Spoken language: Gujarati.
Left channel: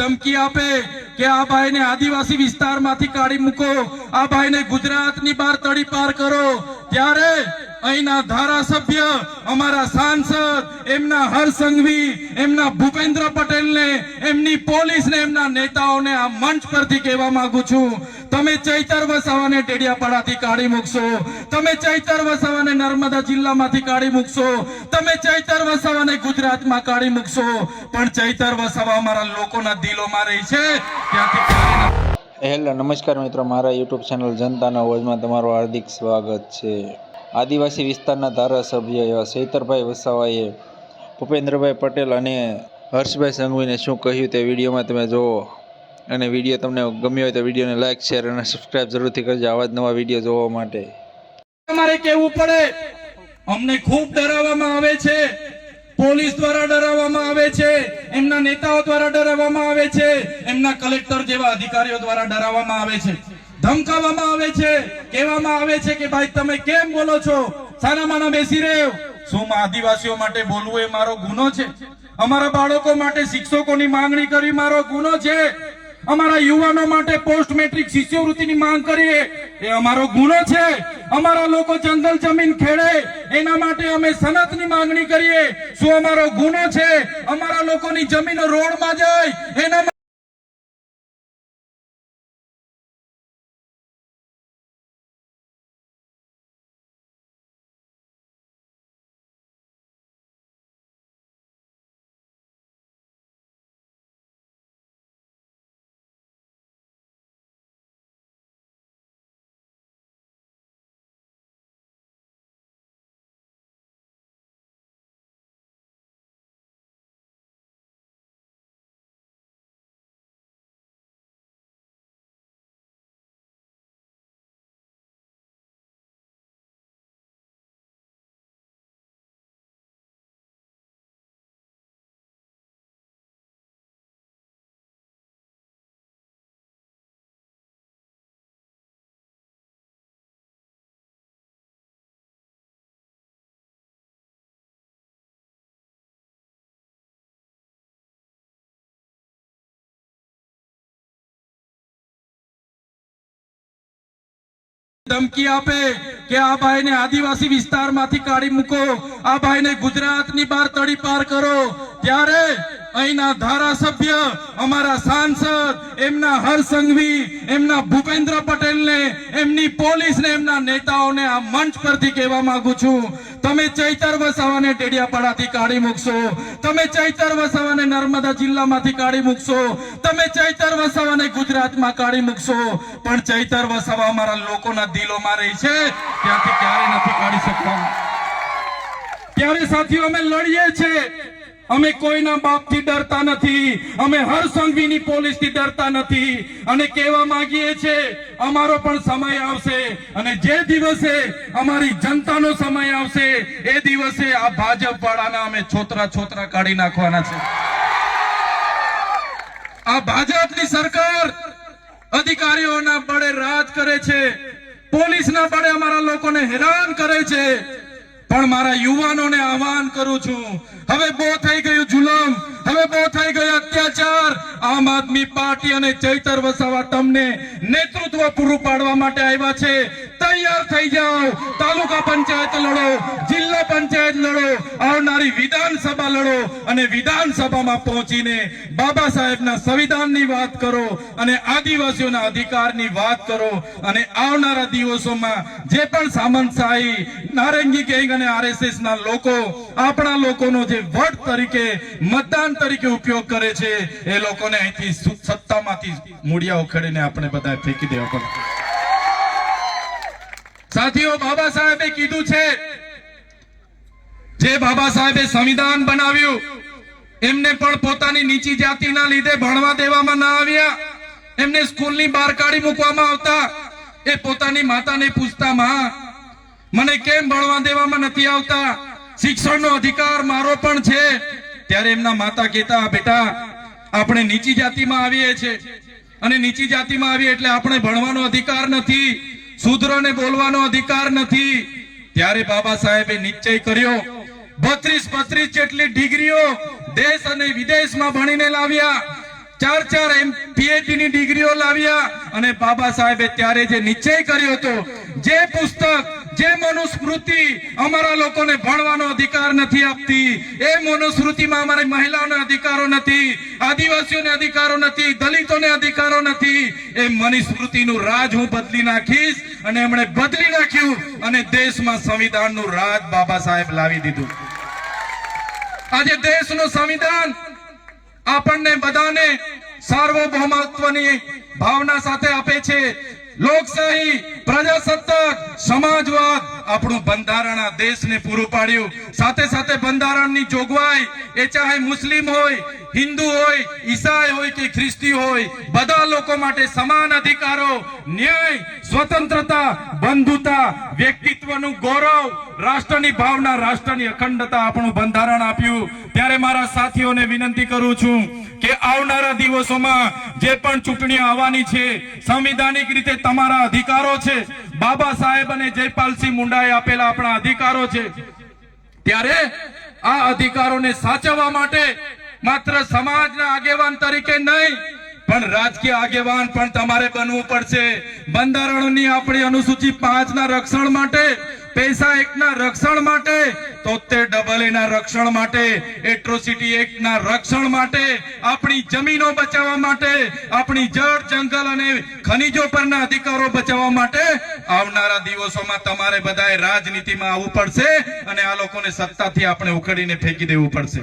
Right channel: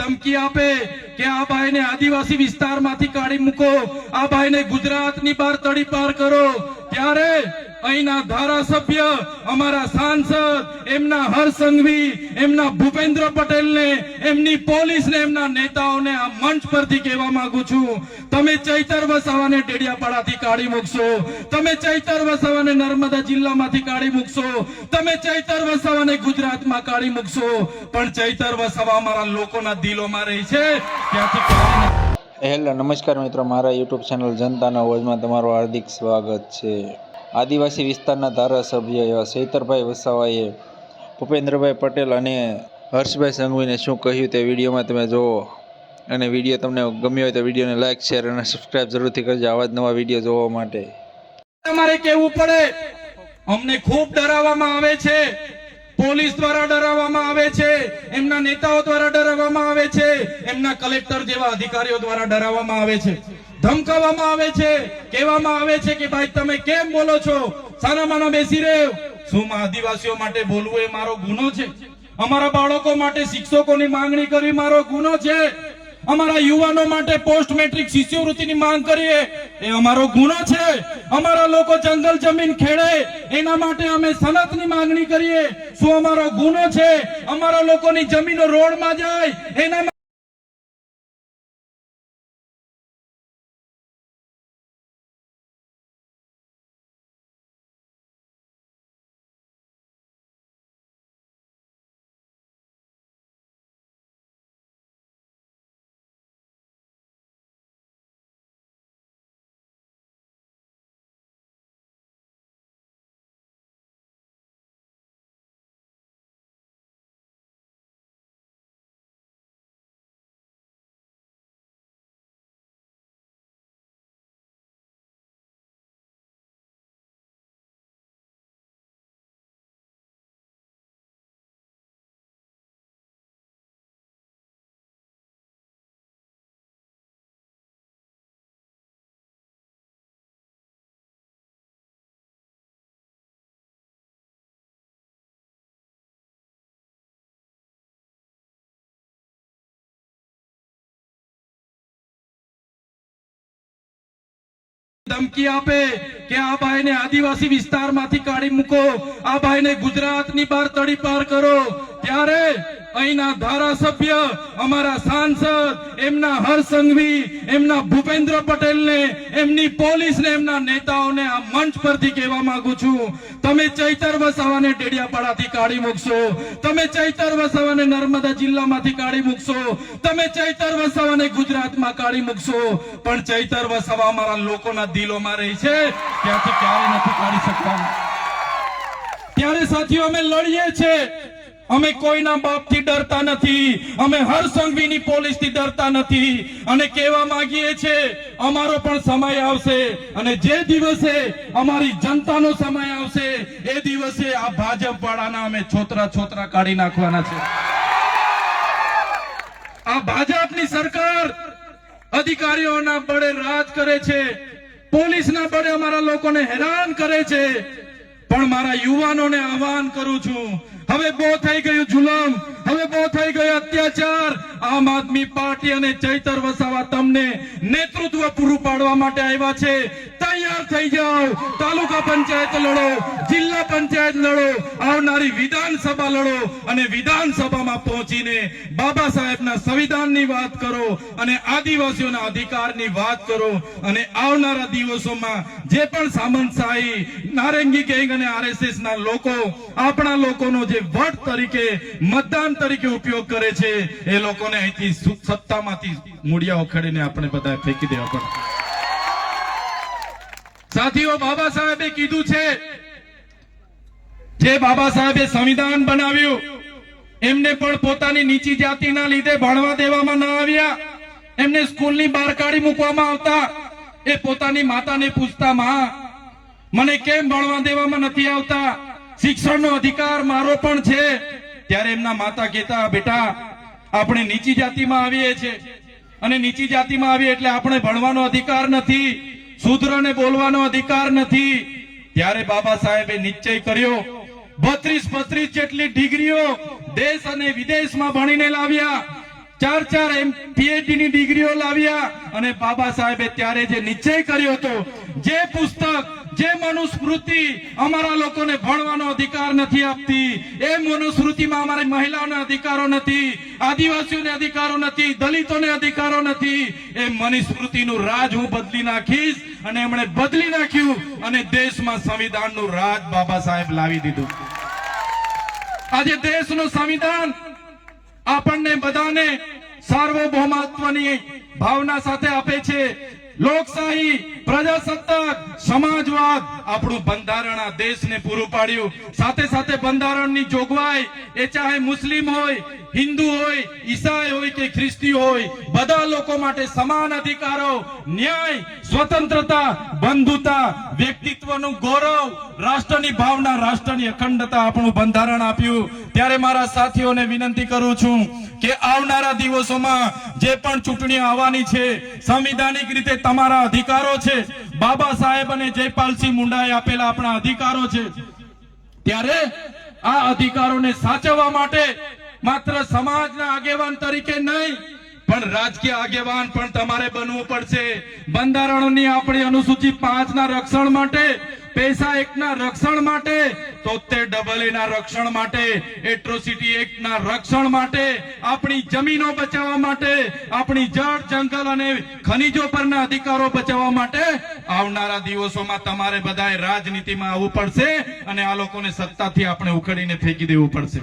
ધમકી આપે કે આ ભાઈને આદિવાસી વિસ્તારમાંથી કાઢી મૂકો, આ ભાઈને ગુજરાતની બહાર તડી પાર કરો. ત્યારે અહીંના ધારાસભ્ય, અમારા સાંસદ, એમના હરસંઘવી એમના ભૂપેન્દ્ર પટેલને, એમની પોલીસને, એમના નેતાઓને આ મંચ પરથી કહેવા માંગુ છું. તમે ચૈતર વસાવાને ડેડિયાપાડાથી કાઢી મૂકશો. તમે ચૈતર વસાવાને નર્મદા જિલ્લામાંથી કાઢી મૂકશો. તમે ચૈતર વસાવાને ગુજરાતમાં કાઢી મૂકશો. પણ ચૈતર વસાવા અમારા લોકોના દિલોમાં રહી છે. ત્યાંથી હેલો, નમસ્કાર મિત્રો. મારા યુટ્યુબ ચેનલ જનતાના અવાજમાં તમારું હાર્દિક સ્વાગત છે. આદિવાસી વિસ્તારના ધારાસભ્ય એવા સૈતરભાઈ વસાવાએ ભૂપેન્દ્રભાઈ પટેલ અને હર્ષભાઈ સંઘવીને શું કહ્યું તે વિડીયોમાં તમે જુઓ. અને વીડિયો તમને ગમ્યો હોય તો વિડીયોને લાઇક શેર અને સબસ્ક્રાઇબ જરૂરથી કરજો. આવા જ નવા વીડિયો જોવા માટે. તમારે કેવું પડે? અમને ખૂબ ડરાવવામાં આવે છે. પોલીસ દ્વારા ડરાવવામાં આવે છે. એમના નેતાઓ દ્વારા ડરાવવામાં આવે છે. એમના કલેક્ટર જેવા અધિકારીઓ દ્વારા ડરાવવામાં આવે છે. ધમકાવવામાં આવે છે, કહેવામાં આવે છે કે ભાઈ તમે કેમ બોલો છો? સાના માના બેસી રહ્યો. શું આદિવાસીઓ માટે બોલવું એ મારો ગુનો છે? અમારા બાળકો માટે શિક્ષકોની માંગણી કરી મારો ગુનો છે? અમારા યુવાનો માટે પોસ્ટ મેટ્રિક શિષ્યવૃત્તિની માંગ કરીએ એ અમારો ગુનો છે? અમારા લોકો જંગલ જમીન ખેડે, એના માટે અમે સનતની માંગણી કરીએ. શું અમારો ગુનો છે? અમારા લોકોની જમીનો રોડમાં જાય, એના ધમકી આપે કે આ ભાઈને આદિવાસી વિસ્તારમાંથી કાઢી મૂકો, આ ભાઈને ગુજરાતની બહાર તડી પાર કરો. ત્યારે અહીંના ધારાસભ્ય, અમારા સાંસદ, એમના હરસંઘવી એમના ભૂપેન્દ્ર પટેલને, એમની પોલીસને, એમના નેતાઓને આ મંચ પરથી કહેવા માંગુ છું. તમે ચૈતર વસાવાને ડેડિયાપાડાથી કાઢી મૂકશો. તમે ચૈતર વસાવાને નર્મદા જિલ્લામાંથી કાઢી મૂકશો. તમે ચૈતર વસાવાને ગુજરાતમાં કાઢી મૂકશો. પણ ચૈતર વસાવા અમારા લોકોના દિલોમાં રહી છે. ત્યાંથી ક્યારે નથી કાઢી શકતા. ત્યારે સાથીઓ, અમે લડીએ છીએ. અમે કોઈના બાપથી ડરતા નથી. અમે હર પોલીસ પોલીસથી ડરતા નથી. અને કહેવા માંગીએ છીએ અમારો પણ સમય આવશે. અને જે દિવસે અમારી જનતાનો સમય આવશે, એ દિવસે આ ભાજપ વાળાના અમે છોતરા છોતરા કાઢી નાખવાના છે. આ ભાજપની સરકાર અધિકારીઓના બળે રાજ કરે છે. પોલીસના બળે અમારા લોકોને હેરાન કરે છે. પણ મારા યુવાનોને આહવાન કરું છું. હવે બહુ થઈ ગયું જુલમ. હવે બહુ થઈ ગયો અત્યાચાર. આમ આદમી પાર્ટી અને ચૈતર વસાવા તમને નેતૃત્વ પૂરું પાડવા માટે આવ્યા છે. તૈયાર થઈ જાઓ. તાલુકા પંચાયત લડો, જિલ્લા પંચાયત લડો, આવનારી વિધાનસભા લડો અને વિધાનસભામાં પહોંચીને બાબા સાહેબના સંવિધાનની વાત કરો અને આદિવાસીઓના અધિકારની વાત કરો અને આવનારા દિવસોમાં જે પણ સામંતશાહી નારંગી ગેંગ અને આરએસએસ લોકો, આપણા લોકોનો જે વટ તરીકે, મતદાન તરીકે ઉપયોગ કરે છે, એ લોકોને અહીંથી સત્તામાંથી મૂળિયા ઉખેડીને આપણે બધા ફેંકી દેવા પડે. સાથીઓ, બાબા સાહેબે કીધું છે, જે બાબા સાહેબે સંવિધાન બનાવ્યું, એમને પણ પોતાની નીચી જાતિના લીધે ભણવા દેવામાં ના આવ્યા. એમને સ્કૂલની બહાર કાઢી મૂકવામાં આવતા. એ પોતાની માતાને પૂછતા, માં, મને કેમ ભણવા દેવામાં નથી આવતા? શિક્ષણનો અધિકાર મારો પણ છે. ત્યારે એમના માતા કહેતા બેટા, આપણે નીચી જાતિમાં આવીએ છીએ. અને નીચી જાતિમાં આવીએ એટલે આપણે ભણવાનો અધિકાર નથી. શૂદ્રને બોલવાનો અધિકાર નથી. ત્યારે બાબા સાહેબે નિશ્ચય કર્યો, બત્રીસ બત્રીસ જેટલી ડિગ્રીઓ દેશ અને વિદેશમાં ભણીને લાવ્યા. ચાર ચાર એમ પીએચડી ની ડિગ્રીઓ લાવ્યા. અને બાબા સાહેબે ત્યારે જે નિશ્ચય કર્યો હતો, જે પુસ્તક જે મનુસ્મૃતિ અમારા લોકોને ભણવાનો અધિકાર નથી આપતી, એ મનુસ્મૃતિમાં અમારી મહિલાઓને અધિકારો નથી, આદિવાસીઓને અધિકારો નથી, દલિતોને અધિકારો નથી, એ મનુસ્મૃતિનું રાજ હું બદલી નાખીશ અને એમણે બદલી નાખ્યું અને દેશમાં સંવિધાનનું રાજ બાબા સાહેબ લાવી દીધું. આજે દેશનું સંવિધાન આપણને બધાને સાર્વભૌમત્વની ભાવના સાથે આપે છે. લોકશાહી, પ્રજાસત્તાક, સમાજવાદ આપણું બંધારણ આ દેશને પૂરું પાડ્યું. સાથે સાથે બંધારણની જોગવાઈ, એ ચાહે મુસ્લિમ હોય, હિન્દુ હોય, ઈસાઈ હોય કે ખ્રિસ્તી હોય, બધા લોકો માટે સમાન અધિકારો, ન્યાય સ્વતંત્રતા, બંધુતા, વ્યક્તિત્વનું ગૌરવ, રાષ્ટ્રની ભાવના, રાષ્ટ્રની અખંડતા આપણું બંધારણ આપ્યું. ત્યારે મારા સાથીઓને વિનંતી કરું છું કે આવનારા દિવસોમાં જે પણ ચૂંટણી આવવાની છે, સંવિધાનિક રીતે તમારા અધિકારો છે, બાબા સાહેબ અને જયપાલસિંહ મુંડાએ આપેલા આપણા અધિકારો છે, ત્યારે આ અધિકારોને સાચવવા માટે માત્ર સમાજના આગેવાન તરીકે નહીં પણ રાજકીય આગેવાન પણ તમારે બનવું પડશે. બંધારણની આપણી અનુસૂચિ પાંચ ના રક્ષણ માટે, પૈસા એકના રક્ષણ માટે તોતેર ડબલ એ ના રક્ષણ માટે, એટ્રોસિટી એક્ટ ના રક્ષણ માટે, આપણી જમીનો બચાવવા માટે, આપણી જળ, જંગલ અને ખનીજો પરના અધિકારો બચાવવા માટે આવનારા દિવસોમાં તમારે બધાએ રાજનીતિમાં આવવું પડશે અને આ લોકોને સત્તાથી આપણે ઉખડીને ફેંકી દેવું પડશે.